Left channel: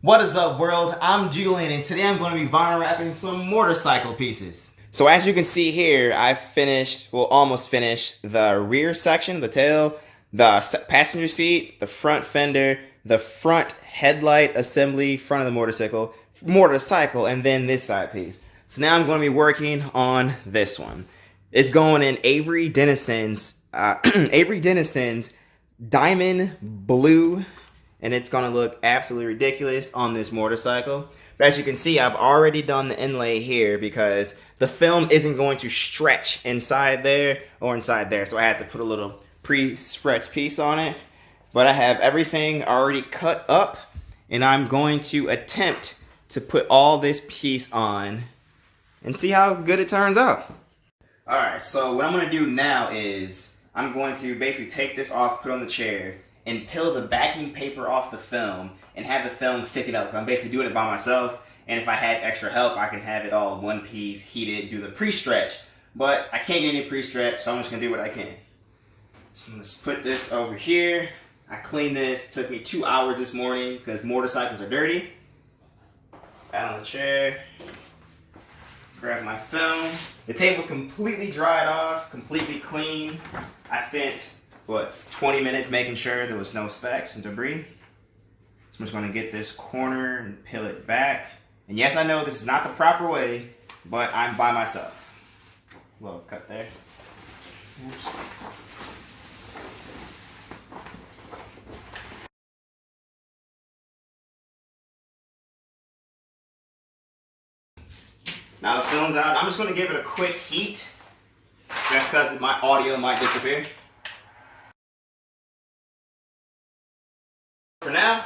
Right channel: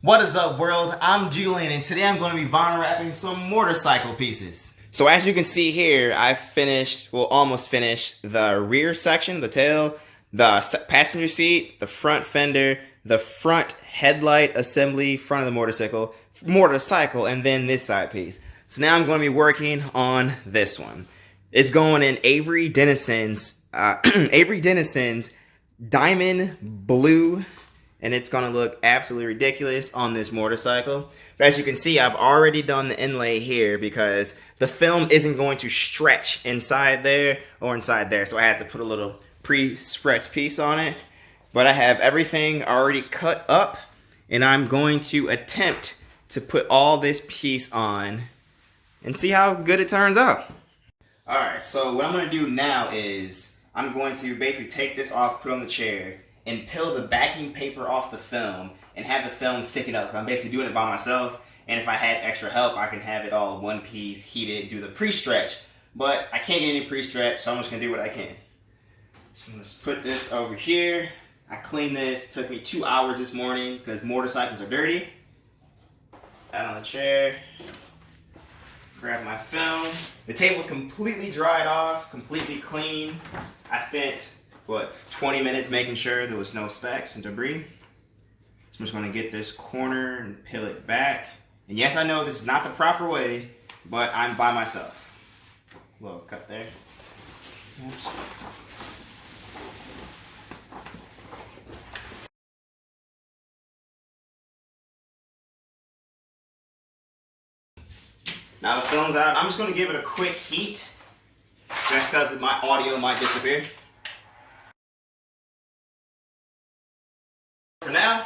What is up, world? I'm Julian, and today I'm going to be vinyl wrapping some motorcycle pieces. So as you can see here, I finished, well, almost finished the rear section, the tail, the passenger seat, the front fender, the front headlight assembly, front of the motorcycle, and then this side piece. So now I'm going to be working on this one. It's going in Avery Dennison's Avery Dennison's diamond blue, and it's gonna look absolutely ridiculous on this motorcycle. But as you can see, I've already done the inlay here because the film isn't going to stretch inside there or inside there, so I had to put a little pre-stretch piece on it. But I have everything already cut up, and I'm going to attempt to put all this piece on and see how good it turns out. Alright, so what I'm going to do now is I'm going to basically take this off, put it on the chair, and peel the backing paper off the film and have the film stick it up. So I'm basically doing it by myself, and if I had extra help, I can have it all one piece, heated, do the pre-stretch. But I can't get any pre-stretch, so I'm just going to do what I can. So I'm going to put this over here. I cleaned this. It took me 2 hours this morning because motorcycles are dirty. Out on the chair. Grab my film. The table's completely dried off, completely clean. I spent, 20 minutes making sure there was no specks and debris. So I'm just gonna get this corner and peel it back. And yes, I know this is not the proper way, but I'm by myself. A little cut there. Oops. Now the film's out. I'm just going to give it a quick heat. Just because my audio might disappear. For now,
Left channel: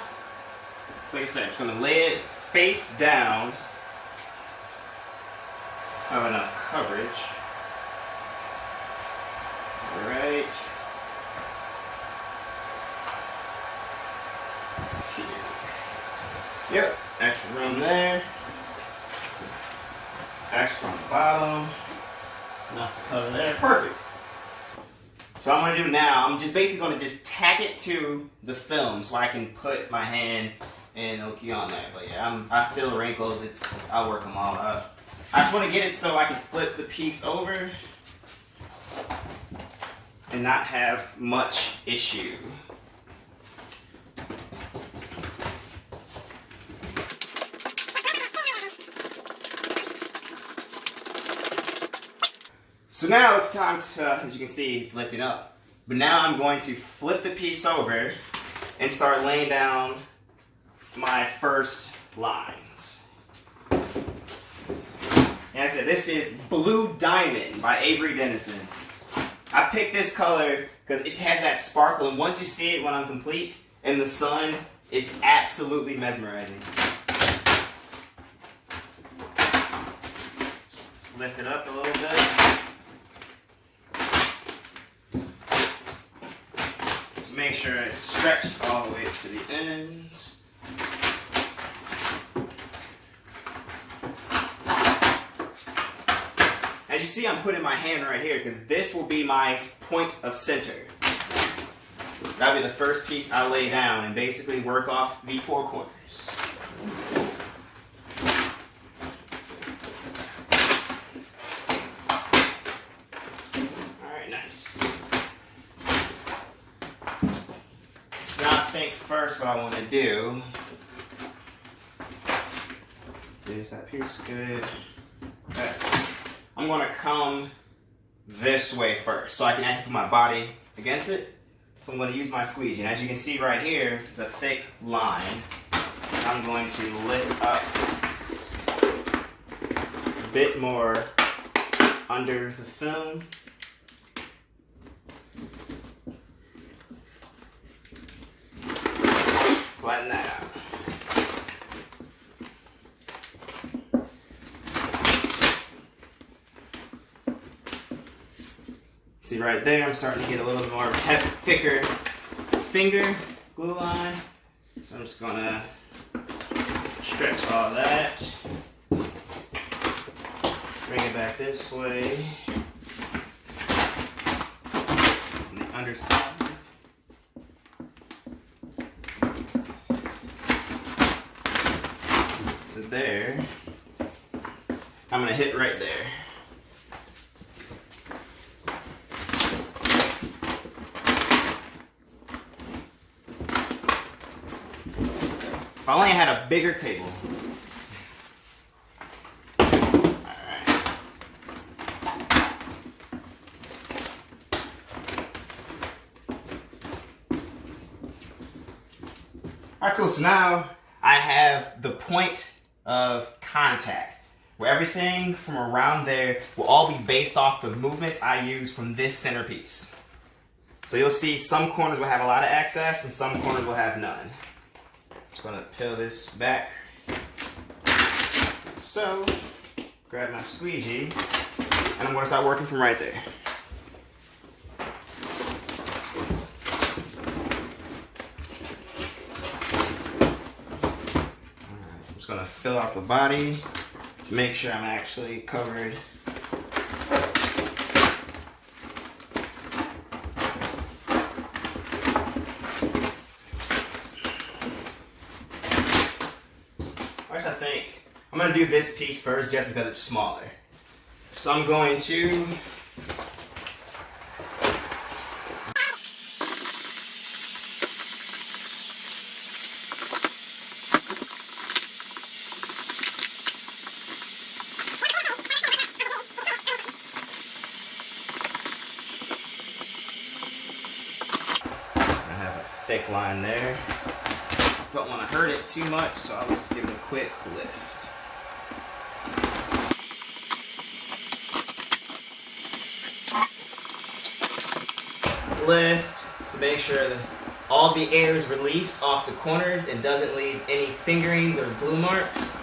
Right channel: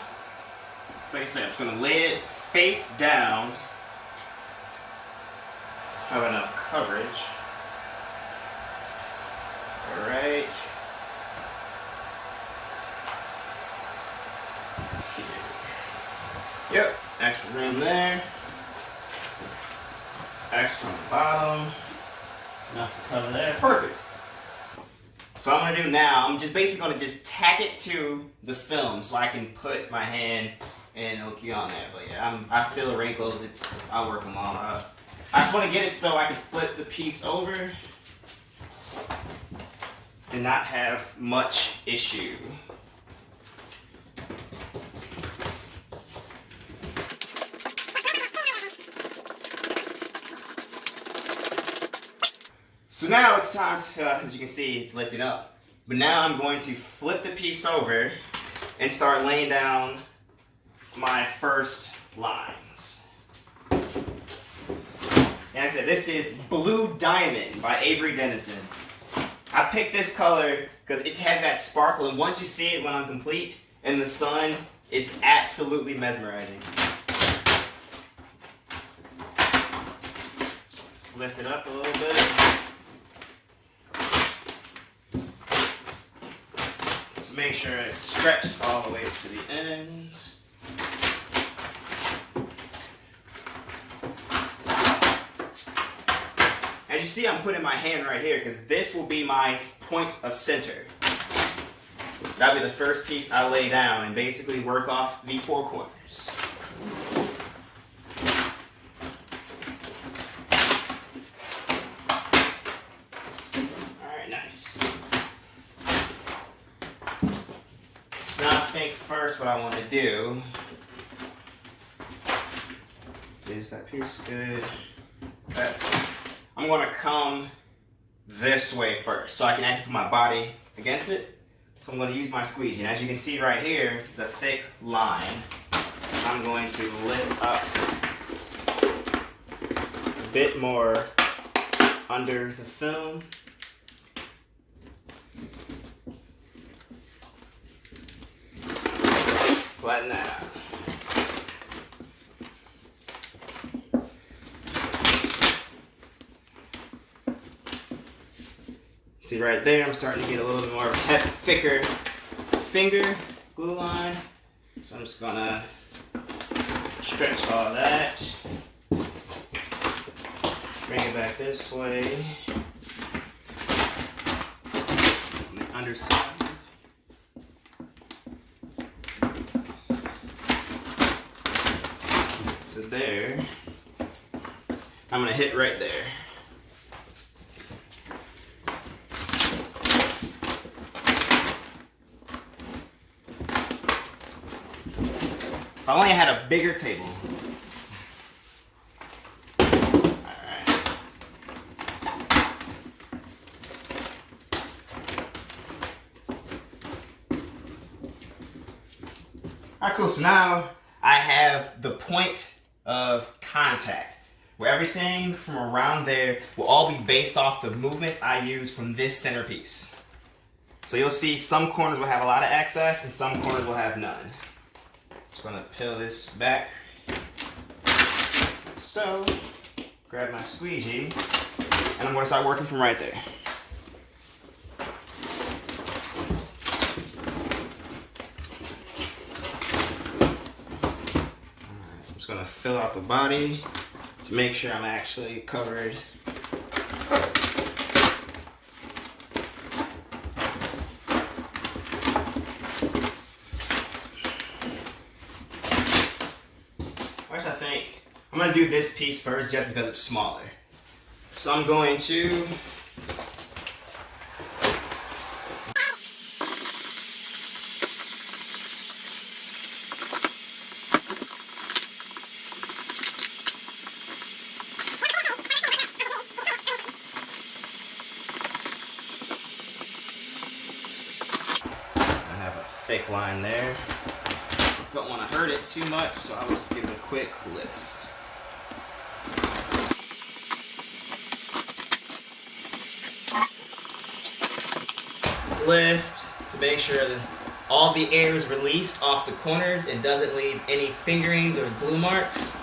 so like I said, I'm just going to lay it face down. Have enough coverage. Alright. Yep, extra room there. Extra on the bottom. Enough to cover there. Perfect. So what I'm going to do now, I'm just basically going to just tack it to the film so I can put my hand and it'll key on there. But yeah, I feel wrinkles. I'll work them all out. I just want to get it so I can flip the piece over and not have much issue. So now it's time to, as you can see, it's lifting up. But now I'm going to flip the piece over and start laying down my first lines. And like I said, this is Blue Diamond by Avery Dennison. I picked this color because it has that sparkle, and once you see it when I'm complete in the sun, it's absolutely mesmerizing. Just lift it up a little bit. Make sure it's stretched all the way to the ends. As you see, I'm putting my hand right here because this will be my point of center. That'll be the first piece I lay down and basically work off the four corners. Alright, nice. Now I think first what I want to do is that piece good. I'm going to come this way first so I can actually put my body against it. So I'm going to use my squeegee. And as you can see right here, it's a thick line. I'm going to lift up a bit more under the film. Flatten that out. See right there, I'm starting to get a little bit more of a thicker finger glue line. So I'm just gonna stretch all that. Bring it back this way. On the underside. to there. I'm gonna hit right there. If I only had a bigger table. Alright, cool. So now I have the point of contact, where everything from around there will all be based off the movements I use from this centerpiece. So you'll see some corners will have a lot of access and some corners will have none. Just going to peel this back. So, grab my squeegee, and I'm going to start working from right there. Just going to fill out the body to make sure I'm actually covered. First, I think I'm going to do this piece first just because it's smaller. So I'm going to thick line there. Don't want to hurt it too much, so I'll just give it a quick lift. Lift to make sure that all the air is released off the corners and doesn't leave any fingerings or glue marks.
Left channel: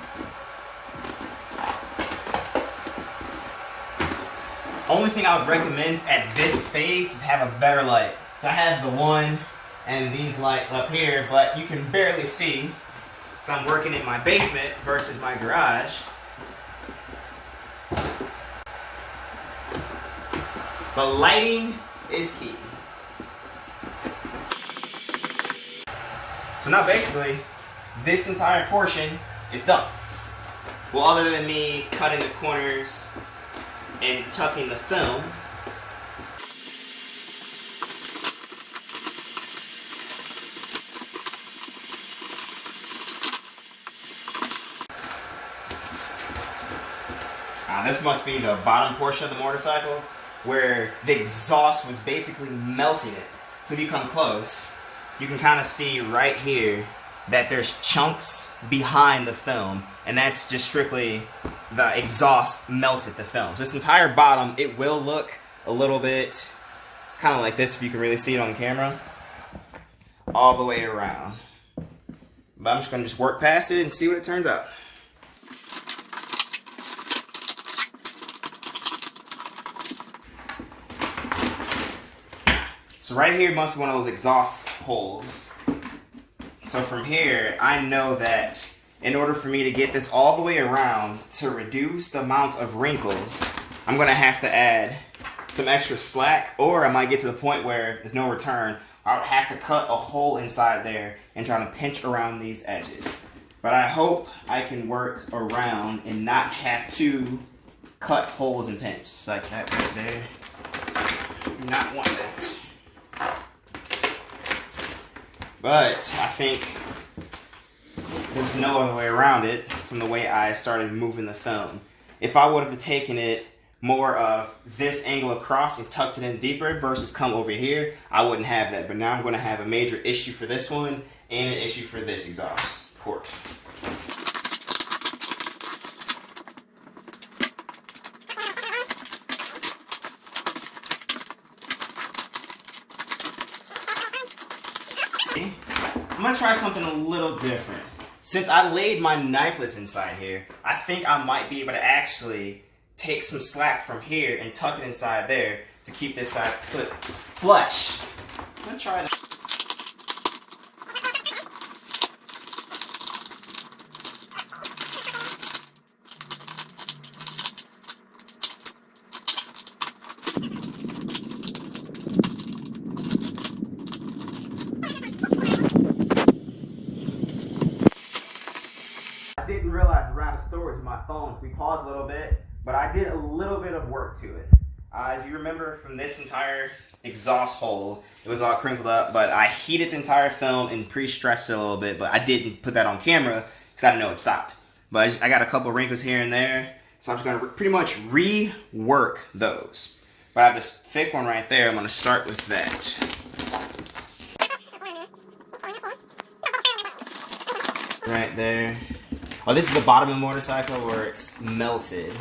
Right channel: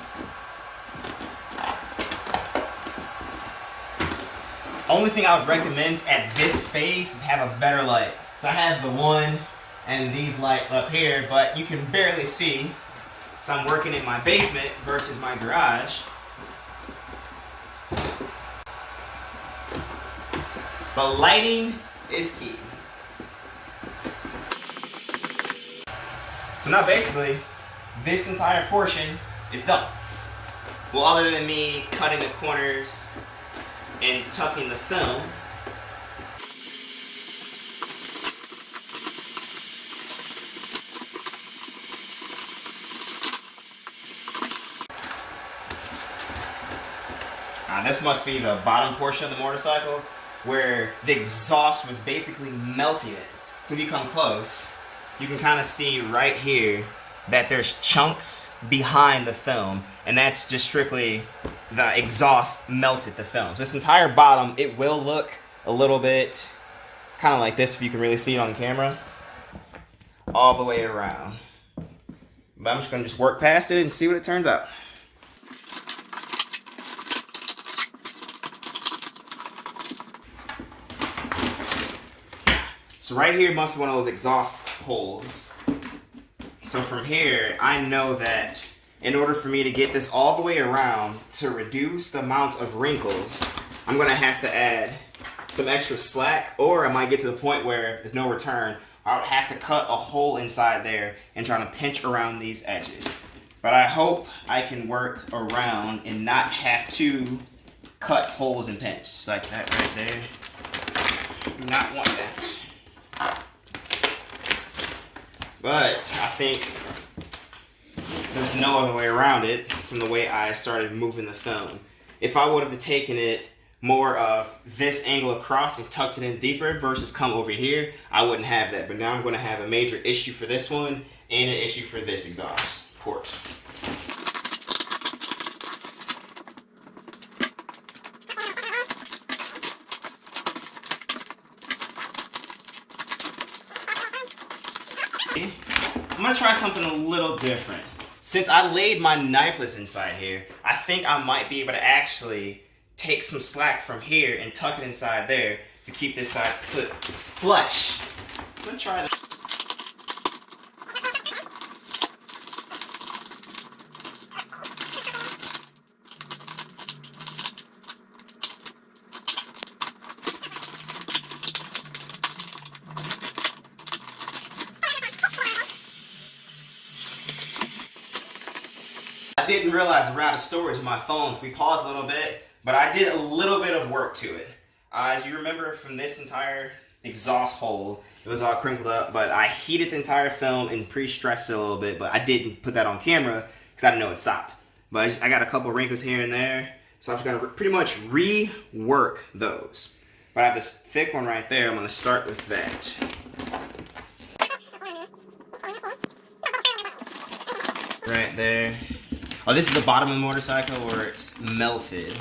Only thing I would recommend at this phase is have a better light. So I have the one and these lights up here, but you can barely see. So I'm working in my basement versus my garage. But lighting is key. So now basically, this entire portion is done. Well, other than me cutting the corners and tucking the film. This must be the bottom portion of the motorcycle where the exhaust was basically melting it. So if you come close, you can kind of see right here that there's chunks behind the film, and that's just strictly the exhaust melted the film. So this entire bottom, it will look a little bit kind of like this if you can really see it on camera, all the way around. But I'm just going to just work past it and see what it turns out. So right here must be one of those exhaust holes. So from here, I know that in order for me to get this all the way around to reduce the amount of wrinkles, I'm gonna have to add some extra slack, or I might get to the point where there's no return. I'll have to cut a hole inside there and try to pinch around these edges. But I hope I can work around and not have to cut holes and pinch. Like that right there. Do not want that. But I think there's no other way around it from the way I started moving the film. If I would have taken it more of this angle across and tucked it in deeper versus come over here, I wouldn't have that. But now I'm going to have a major issue for this one and an issue for this exhaust port. I'm gonna try something a little different. Since I laid my knifeless inside here, I think I might be able to actually take some slack from here and tuck it inside there to keep this side flush. I'm gonna try that. didn't realize around the storage of my phones, we paused a little bit, but I did a little bit of work to it. As you remember from this entire exhaust hole, it was all crinkled up, but I heated the entire film and pre-stretched it a little bit, but I didn't put that on camera because I didn't know it stopped. But I got a couple wrinkles here and there, so I'm just going to pretty much rework those. But I have this thick one right there. I'm going to start with that. Right there. Oh, this is the bottom of the motorcycle where it's melted.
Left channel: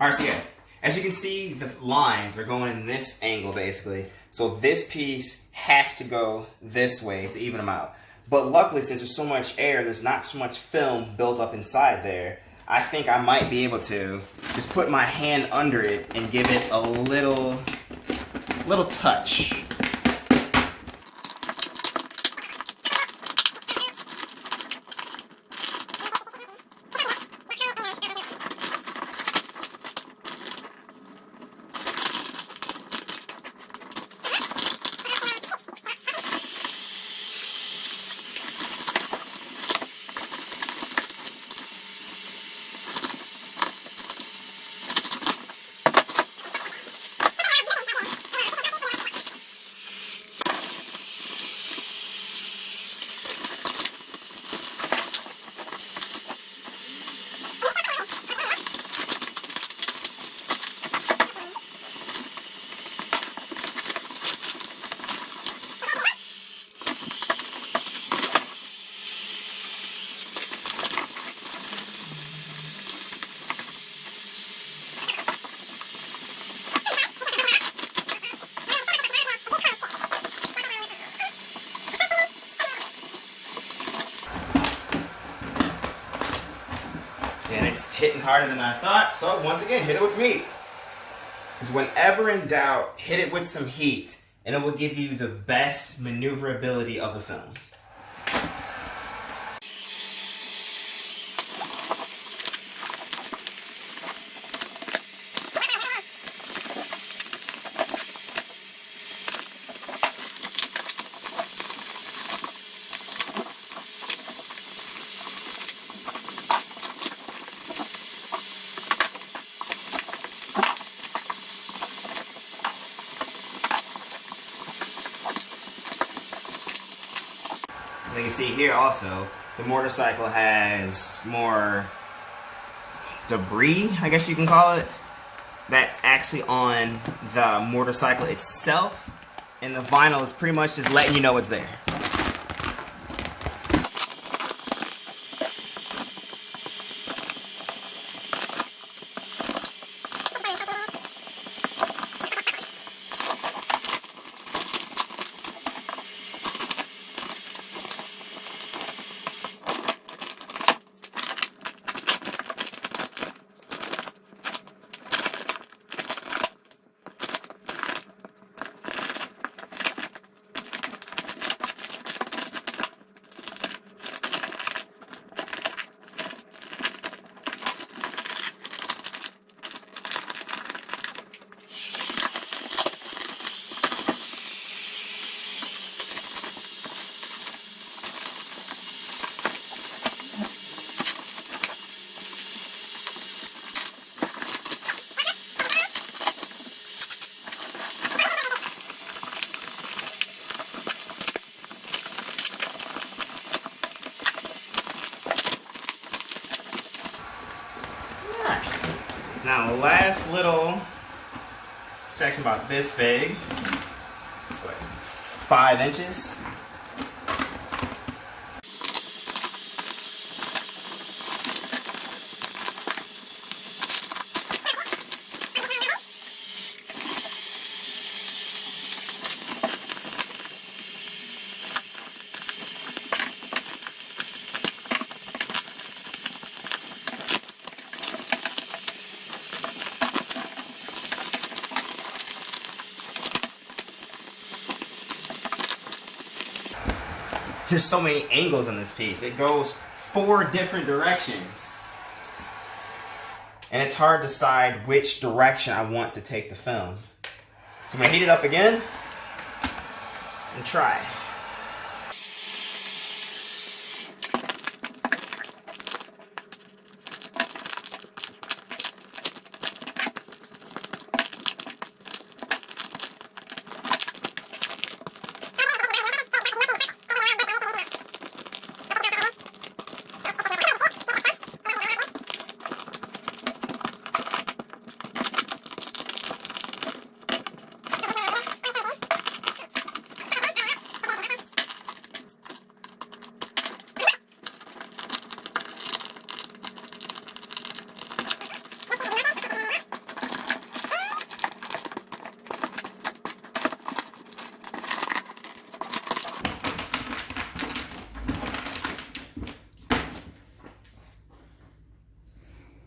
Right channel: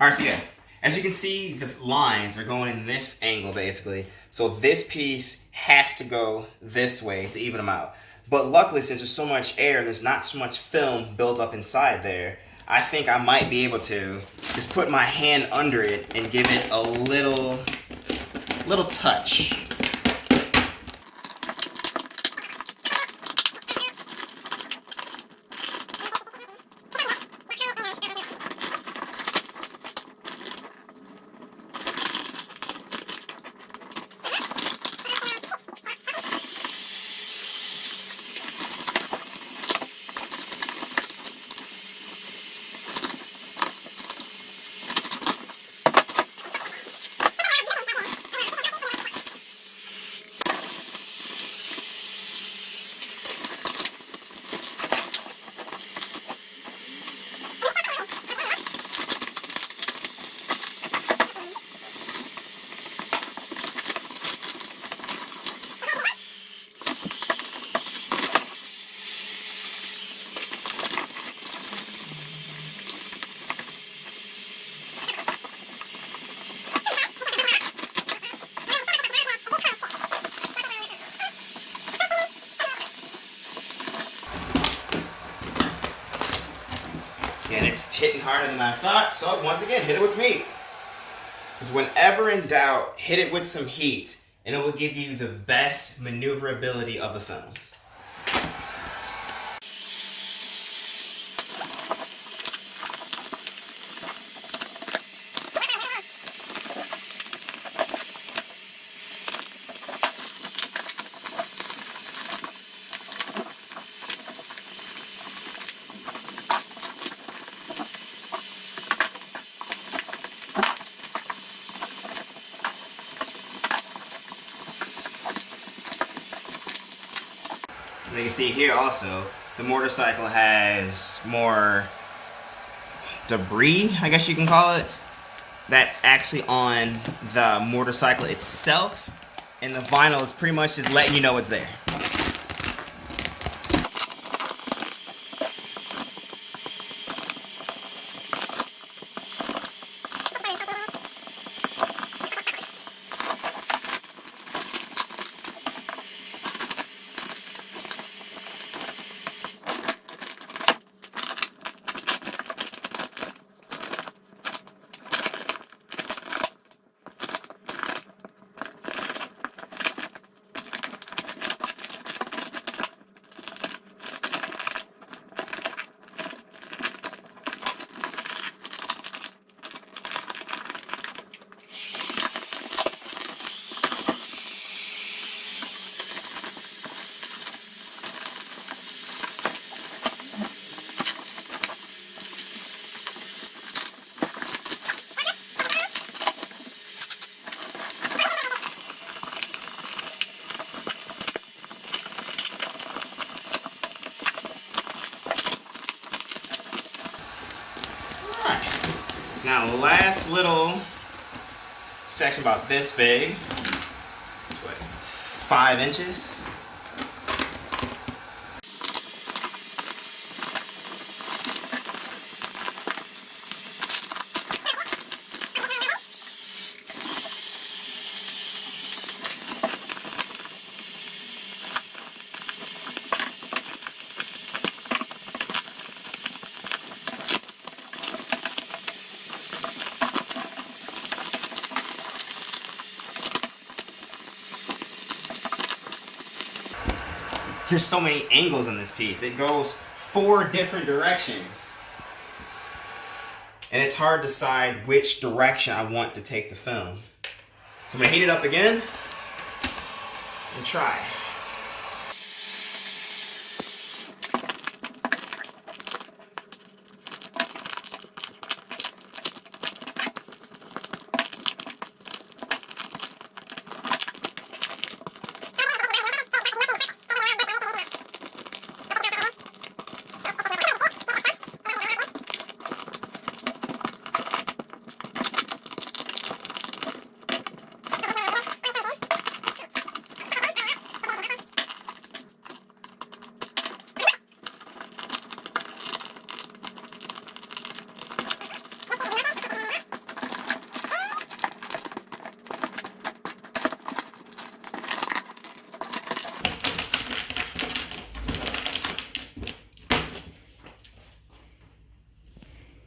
Alright, so yeah, as you can see, the lines are going in this angle basically. So this piece has to go this way to even them out. But luckily, since there's so much air and there's not so much film built up inside there, I think I might be able to just put my hand under it and give it a little touch. And it's hitting harder than I thought, so once again, hit it with some heat. Because whenever in doubt, hit it with some heat, and it will give you the best maneuverability of the film. You can see here also, the motorcycle has more debris, I guess you can call it, that's actually on the motorcycle itself, and the vinyl is pretty much just letting you know it's there. Now the last little section about this big, it's what, 5 inches? There's so many angles in this piece. It goes 4 different directions. And it's hard to decide which direction I want to take the film. So I'm gonna heat it up again and try.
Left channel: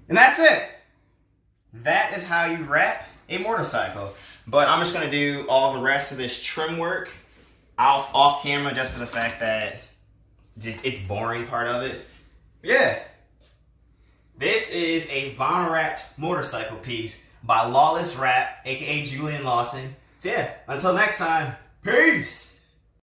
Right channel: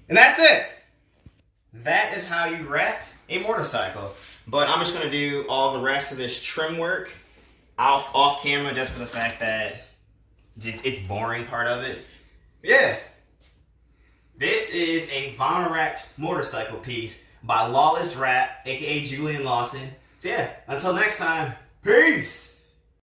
And that's it. That is how you wrap a motorcycle. But I'm just gonna do all the rest of this trim work off camera just for the fact that it's boring part of it. Yeah. This is a vinyl wrapped motorcycle piece by Lawless Wrap, aka Julian Lawson. So yeah, until next time, peace!